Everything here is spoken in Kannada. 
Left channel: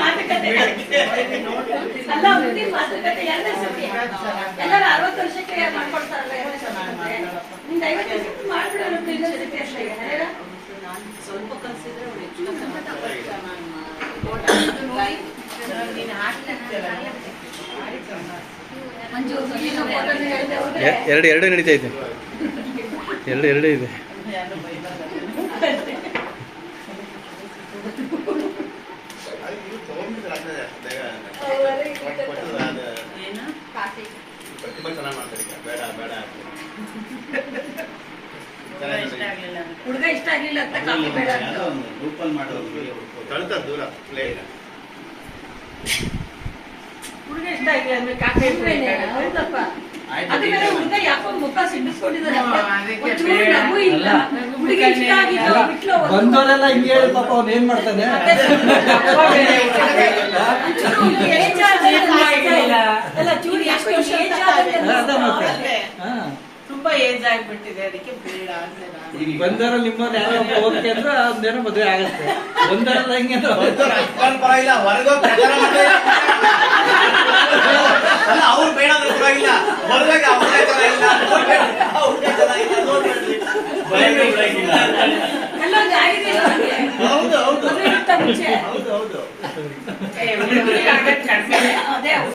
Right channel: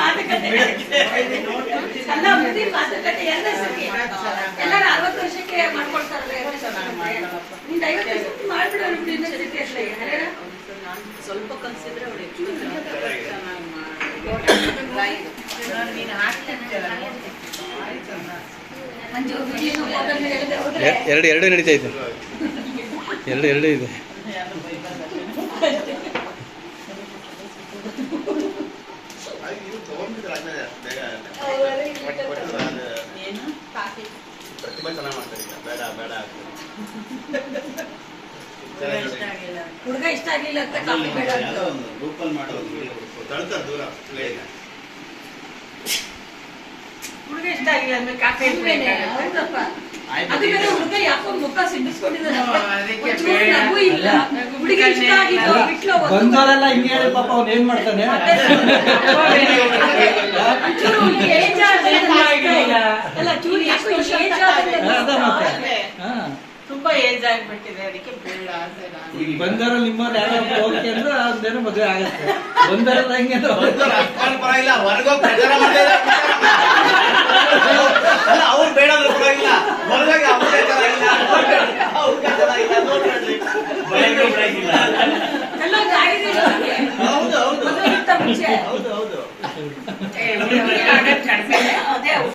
ಮಾತುಕತೆ ಅಲ್ಲ ಮುಂದಿನ ಮಾತುಕತೆ ಎರಡನೇ ಸತಿ ಎಲ್ಲರೂ 60 ವರ್ಷಕ್ಕೆ ಮಾಡ್ಕೊಳ್ತಾರಲ್ಲ ನಿಂದ 50 ವರ್ಷಕ್ಕೆ ಮಾಡ್ಬಿಡೋಣ ಇನ್ನೊಂದ್ಸತಿ ಅಷ್ಟೇ ಸ್ವಲ್ಪ ಕನ್ಸಿದ್ರೆ ಎರಡು ನಡೀತಾ ಇದೆ ಎರಡು ಇದೆ ಹುಡುಗ ಇಷ್ಟ ಆಗ್ಲಿಲ್ಲ ಅಂತ ಕಾಫಿ ಬೇಡ ಹುಡುಗ ಇಷ್ಟ ಆಗಿಲ್ಲ ಅಂದ್ರೆ ಕಾಫಿ ಹೌದಪ್ಪ ಅದು ಬೇರೆ ಹುಡುಗ ಯಾಕೋ ಮುಖ ಸಿಡಿಸ್ಕೊಂಡಿದ್ದಾನಪ್ಪ ಹುಡುಗ ಇಷ್ಟ ಆಗಿಲ್ಲ ಬಿಟ್ಲು ಬಂದವರೆಲ್ಲ ಹಿಂಗೆ ಪಾಪ ಅವ್ನು ಏನ್ ಮಾಡ್ತಾನೆ ಅಲ್ಲ ಚೂಡಿ ಎಷ್ಟು ವರ್ಷ ತುಂಬಾ ಏಜ್ ಆಗ್ಬಿಟ್ಟಿದೆ ಅದಕ್ಕೆ ಬೇಡ ಈಗ ಬಂದಾರ ನಿಮ್ಮವ್ರು ಯಾರೋ ಹೋಗ್ತಿ ಅಂದ್ರೆ ಅದೇನೋ ಮದುವೆ ಆಗುತ್ತೆ ಬಂದಾರಲ್ಲ ಹಿಂಗೆ ಪರವಾಗಿಲ್ಲ ಹೊರಗೋಗಿ ಪ್ರಚಾರ ಮಾಡ್ತಾ ಅವ್ರು ಬೇಡ ಪರವಾಗಿಲ್ಲ ಹೊರಗೋಗಿ ಅವ್ರ